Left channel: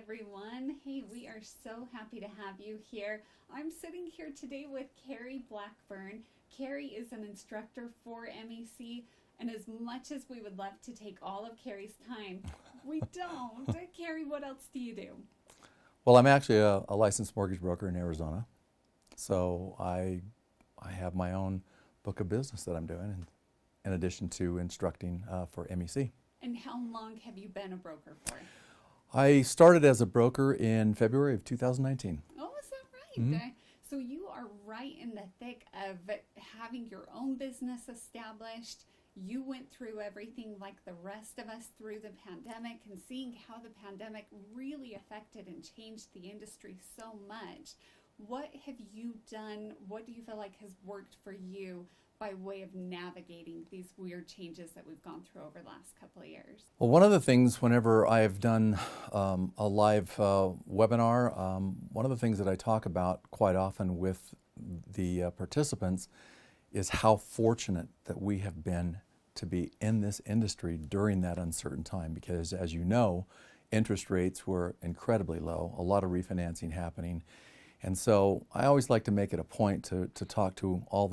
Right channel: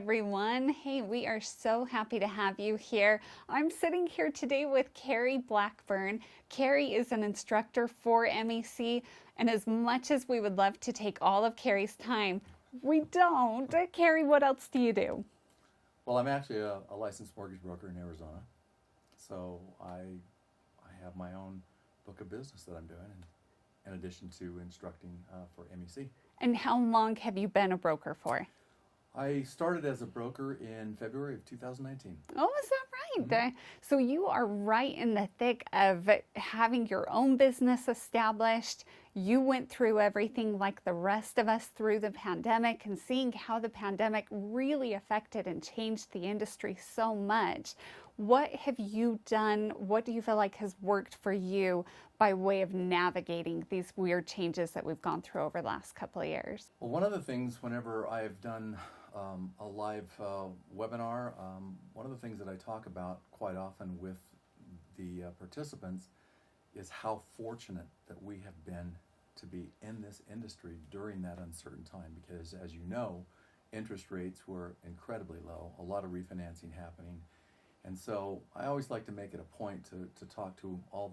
everyone. Hey, we are so happy to have you here. I'm sitting here today with Kerry Blackburn. Kerry is an instructor for MEC, and as much as we would love to take all of Kerry's time, we don't. Kerry, what else do you do? Well, I'm actually a licensed mortgage broker in Arizona, so I have my own book of business that I'm doing in addition to instructing for MEC. And how long have you been a broker for? I started as a broker in February of 2019. Oh, is that right? So you are right in the thick of having your own business established. You went through everything like the rest of us through the pandemic, and seeing how the pandemic really affected and changed the industry so much. What have you done? What do you feel like has worked for you by way of navigating these weird changes that we've gone through over the last couple of years? Well, one of the things whenever I've done a live webinar, one of the things that I talk about quite often with the participants is how fortunate that we have been to be in this industry during that uncertain time, because as you know, interest rates were incredibly low, a lot of refinancing happening. And so I always like to make it a point to talk to all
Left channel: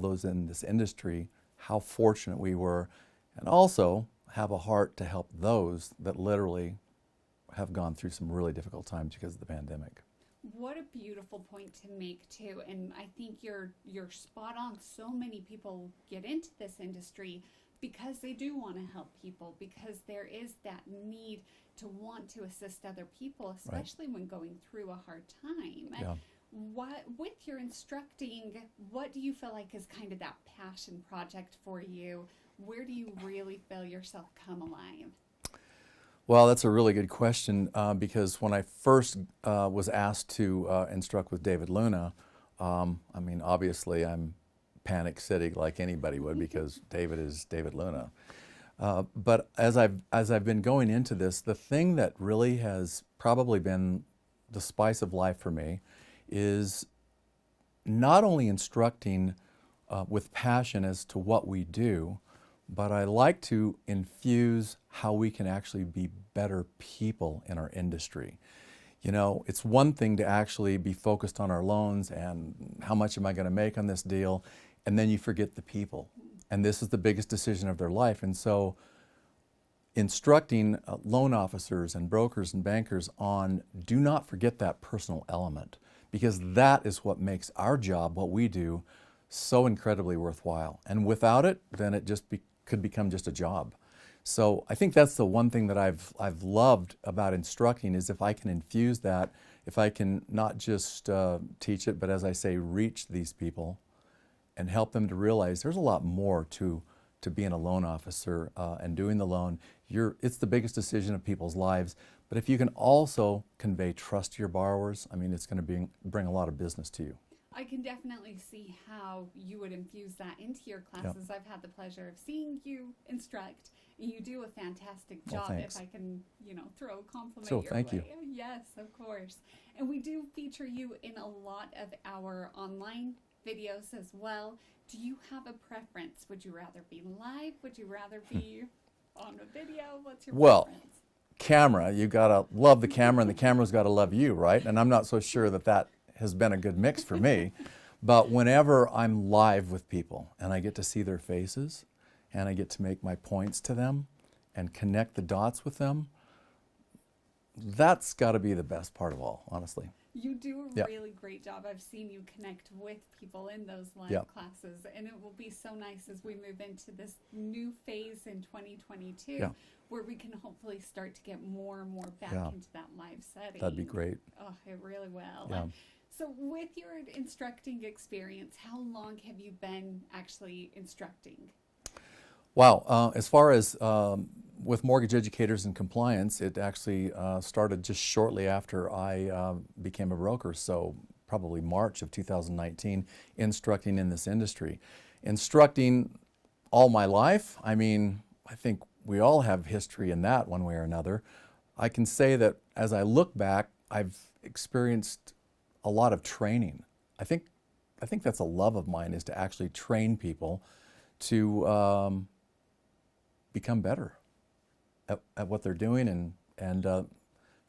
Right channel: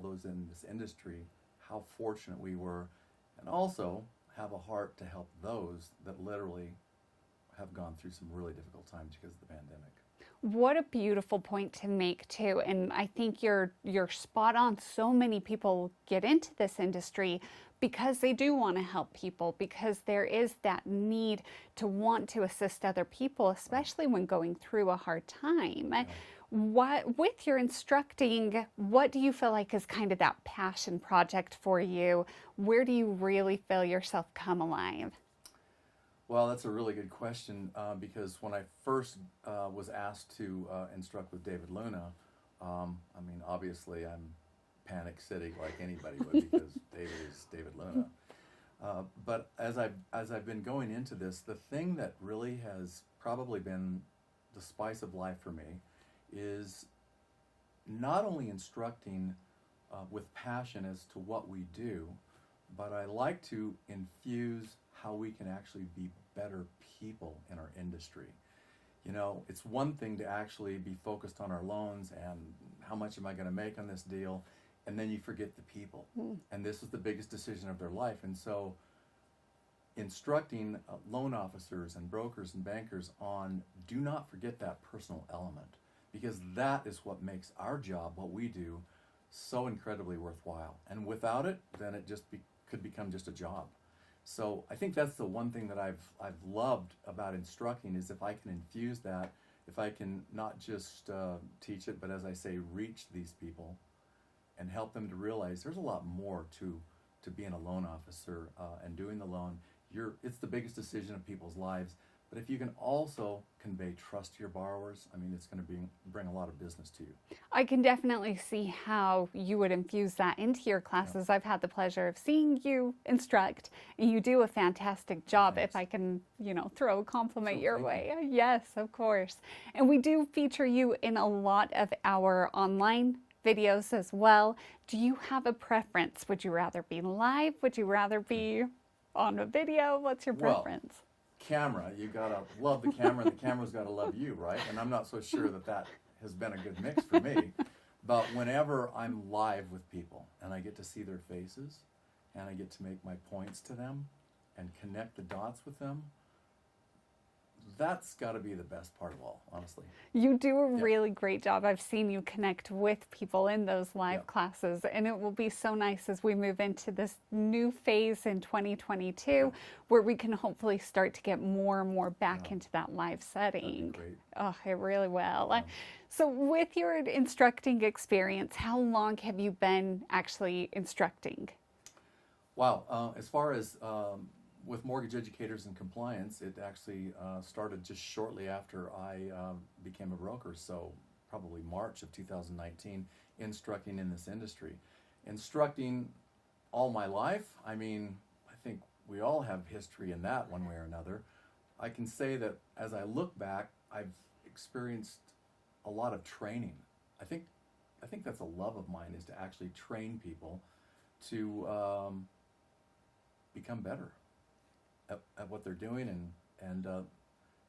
those in this industry how fortunate we were, and also have a heart to help those that literally have gone through some really difficult times because of the pandemic. What a beautiful point to make too, and I think you're spot on. So many people get into this industry because they do want to help people, because there is that need to want to assist other people, especially when going through a hard time. Yeah. With your instructing, what do you feel like is kind of that passion project for you? Where do you really feel yourself come alive? Well, that's a really good question, because when I first was asked to instruct with David Luna, I mean, obviously I'm panic city like anybody would, because David is David Luna. But as I've been going into this, the thing that really has probably been the spice of life for me is not only instructing with passion as to what we do, but I like to infuse how we can actually be better people in our industry. You know, it's one thing to actually be focused on our loans and how much am I going to make on this deal, and then you forget the people. And this is the biggest decision of their life. And so instructing loan officers and brokers and bankers on do not forget that personal element, because that is what makes our job, what we do, so incredibly worthwhile. And without it, then it just could become just a job. So I think that's the one thing that I've loved about instructing, is if I can infuse that, if I can not just teach it, but as I say, reach these people and help them to realize there's a lot more to being a loan officer and doing the loan. It's the biggest decision of people's lives. But if you can also convey trust to your borrowers, I mean, it's going to bring a lot of business to you. I can definitely see how you would infuse that into your classes. Yeah. I've had the pleasure of seeing you instruct, and you do a fantastic job. Thanks. If I can, throw a compliment Sure, your thank way. you. Yes, of course. And we do feature you in a lot of our online videos as well. Do you have a preference? Would you rather be live? Would you rather be on a video? What's your preference? Camera, you gotta love the camera, and the camera's gotta love you, right? And I'm not so sure that has been a good mix for me. But whenever I'm live with people and I get to see their faces and I get to make my points to them and connect the dots with them, that's got to be the best part of all, honestly. You do a really great job. I've seen you connect with people in those live classes, and it will be so nice as we move into this new phase in 2022 where we can hopefully start to get more and more back into that live setting. That'd be great. Oh, it really will. So with your instructing experience, how long have you been actually instructing? Wow. As far as with mortgage educators and compliance, it actually started just shortly after I became a broker, so probably March of 2019, instructing in this industry. Instructing all my life, I mean, I think we all have history in that one way or another. I can say that as I look back, I've experienced a lot of training. I think that's a love of mine, is to actually train people to become better at what they're doing, and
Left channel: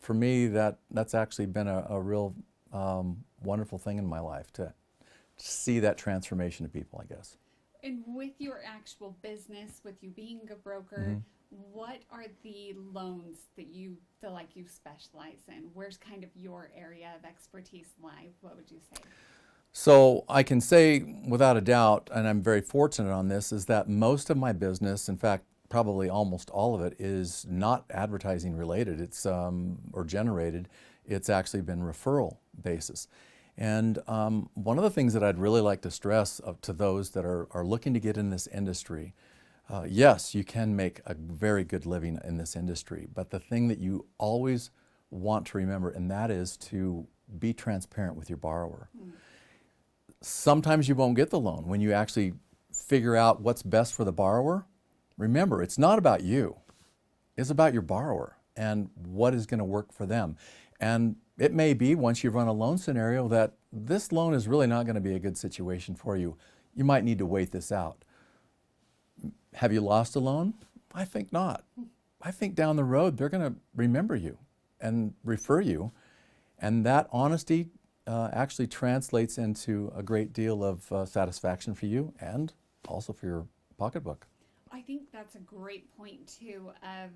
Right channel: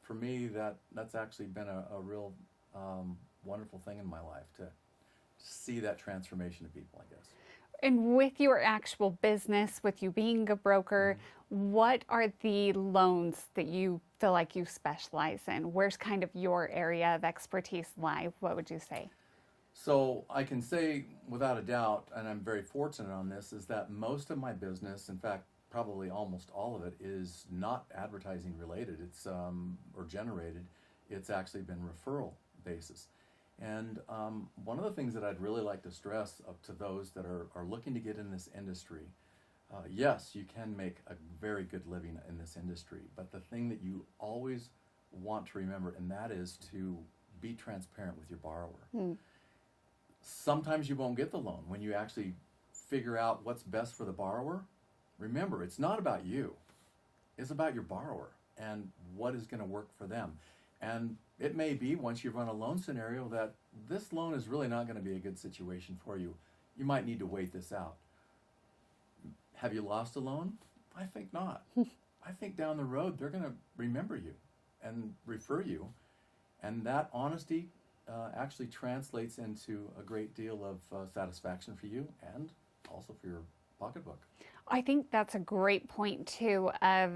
for me, that's actually been a real wonderful thing in my life to see that transformation of people, I guess. And with your actual business, with you being a broker, what are the loans that you feel like you specialize in? Where's kind of your area of expertise lie? What would you say? So I can say without a doubt, and I'm very fortunate on this, is that most of my business, in fact, probably almost all of it, is not advertising related. It's or generated. It's actually been referral basis. And one of the things that I'd really like to stress to those that are looking to get in this industry, yes, you can make a very good living in this industry, but the thing that you always want to remember, and that is to be transparent with your borrower. Sometimes you won't get the loan. When you actually figure out what's best for the borrower, remember, it's not about you. It's about your borrower and what is going to work for them. And it may be, once you run a loan scenario, that this loan is really not going to be a good situation for you. You might need to wait this out. Have you lost a loan? I think not. I think down the road, they're going to remember you and refer you. And that honesty actually translates into a great deal of satisfaction for you and also for your pocketbook. I think that's a great point too, of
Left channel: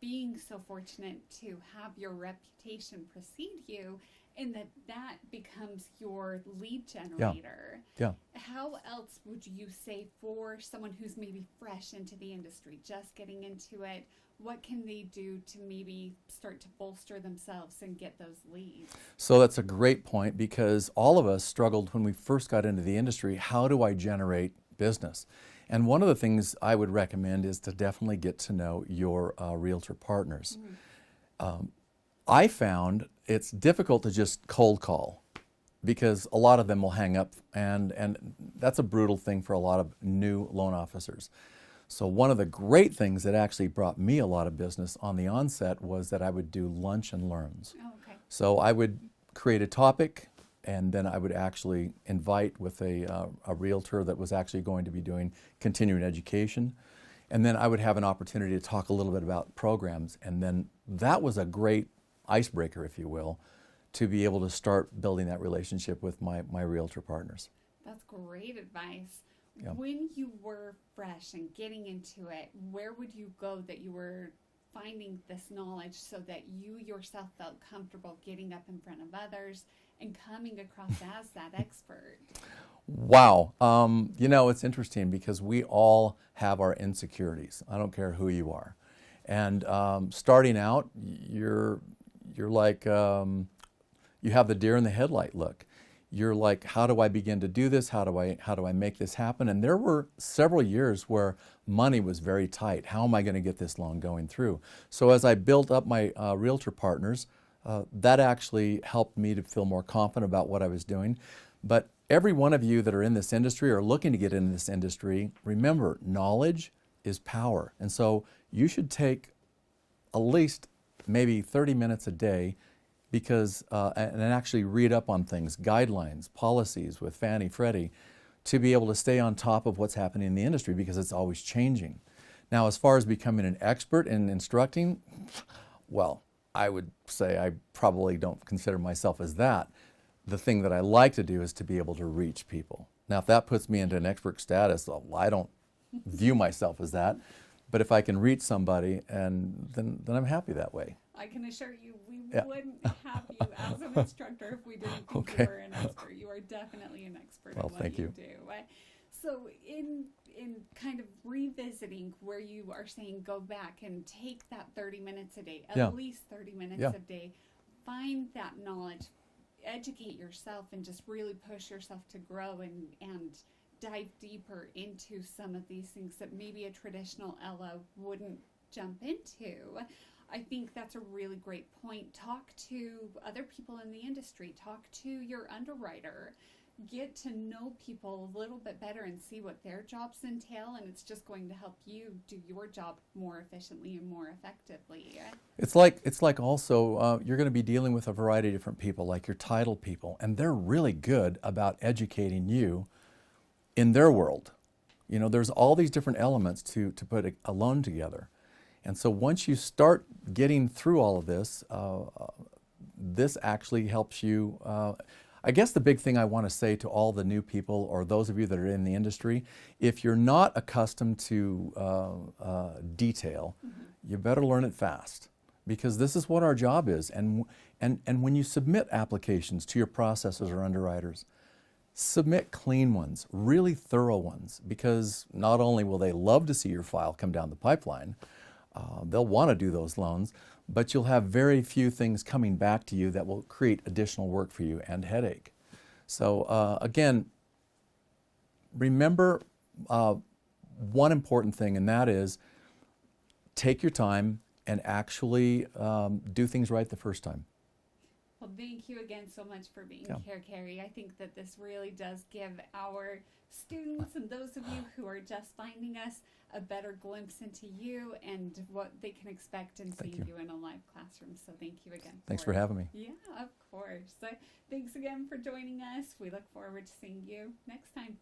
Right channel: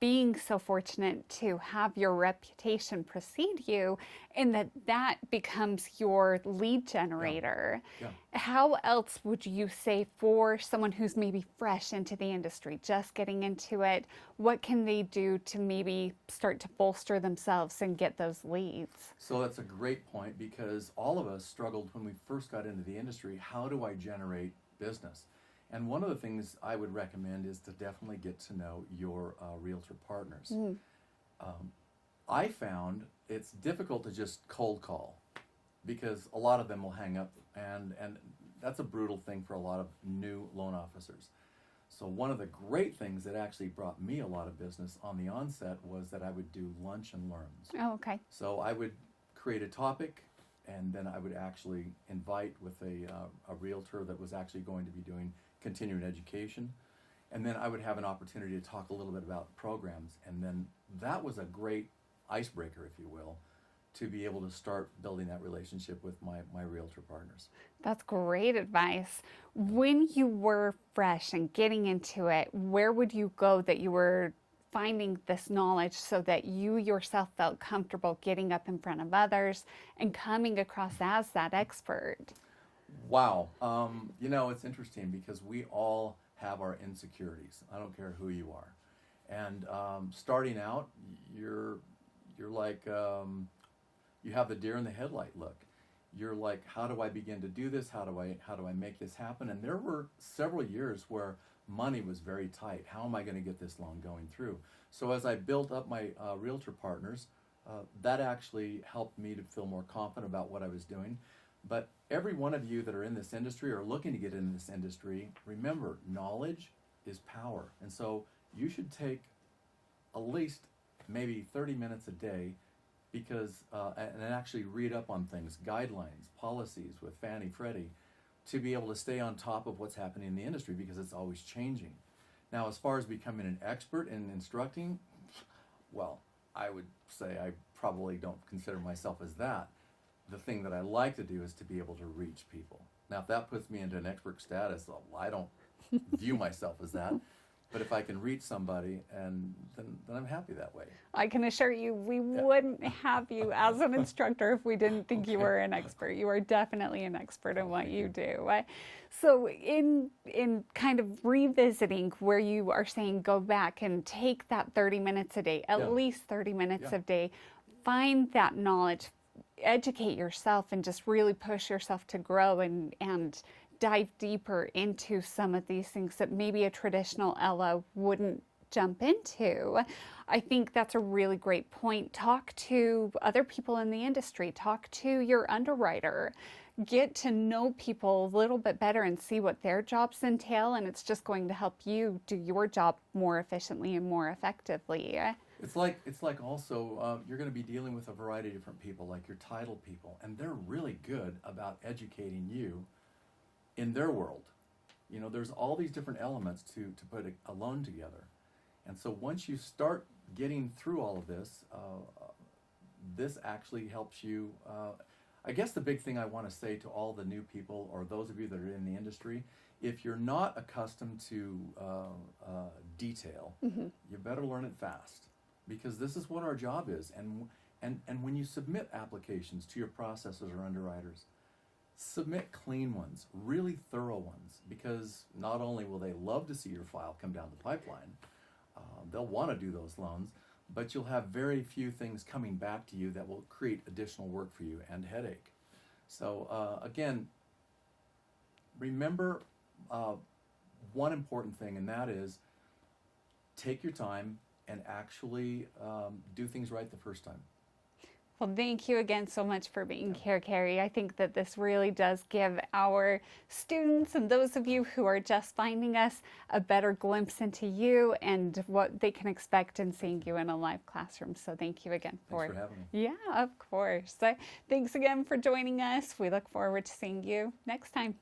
being so fortunate to have your reputation precede you, and that becomes your lead generator. Yeah. How else would you say, for someone who's maybe fresh into the industry, just getting into it, what can they do to maybe start to bolster themselves and get those leads? So that's a great point, because all of us struggled when we first got into the industry. How do I generate business? And one of the things I would recommend is to definitely get to know your realtor partners. I found it's difficult to just cold call, because a lot of them will hang up, and that's a brutal thing for a lot of new loan officers. So one of the great things that actually brought me a lot of business on the onset was that I would do lunch and learns. Oh, okay. So I would create a topic, and then I would actually invite with a realtor that was actually going to be doing continuing education. And then I would have an opportunity to talk a little bit about programs. And then that was a great icebreaker, if you will, to be able to start building that relationship with my realtor partners. That's great advice. Yeah. When you were fresh and getting into it, where would you go that you were finding this knowledge so that you yourself felt comfortable getting up in front of others and coming across as that expert? Wow. You know, it's interesting because we all have our insecurities. I don't care who you are. And starting out, you're like, you have the deer in the headlight look. You're like, how do I begin to do this? How do I make this happen? And there were several years where money was very tight. How am I going to get this loan going through? So as I built up my realtor partners, that actually helped me to feel more confident about what I was doing. But every one of you that are in this industry or looking to get into this industry, remember, knowledge is power. And so you should take at least maybe 30 minutes a day, because and actually read up on things, guidelines, policies with Fannie, Freddie, to be able to stay on top of what's happening in the industry, because it's always changing. Now, as far as becoming an expert in instructing, well, I would say I probably don't consider myself as that. The thing that I like to do is to be able to reach people. Now, if that puts me into an expert status, well, I don't view myself as that. But if I can reach somebody, and then I'm happy that way. I can assure you, we wouldn't have you as an instructor if we didn't think you were an expert. You are definitely an expert in what you do. So in kind of revisiting where you are saying go back and take that 30 minutes a day, at least 30 minutes a day, find that knowledge, educate yourself, and just really push yourself to grow and dive deeper into some of these things that maybe a traditional LO wouldn't jump into. I think that's a really great point. Talk to other people in the industry. Talk to your underwriter. Get to know people a little bit better and see what their jobs entail, and it's just going to help you do your job more efficiently and more effectively. It's like also you're going to be dealing with a variety of different people, like your title people, and they're really good about educating you in their world. You know, there's all these different elements to put a loan together. And so once you start getting through all of this, this actually helps you. I guess the big thing I want to say to all the new people or those of you that are in the industry, if you're not accustomed to detail, you better learn it fast, because this is what our job is. And when you submit applications to your processors or underwriters, submit clean ones, really thorough ones, because not only will they love to see your file come down the pipeline, they'll want to do those loans, but you'll have very few things coming back to you that will create additional work for you and headache. So again, remember one important thing, and that is take your time and actually do things right the first time. Well, thank you again so much for being here, Kerry. I think that this really does give our students and those of you who are just finding us a better glimpse into you and what they can expect in seeing you in a live classroom. So thank you again. Thanks for having me. Yeah, of course. So thanks again for joining us. We look forward to seeing you next time.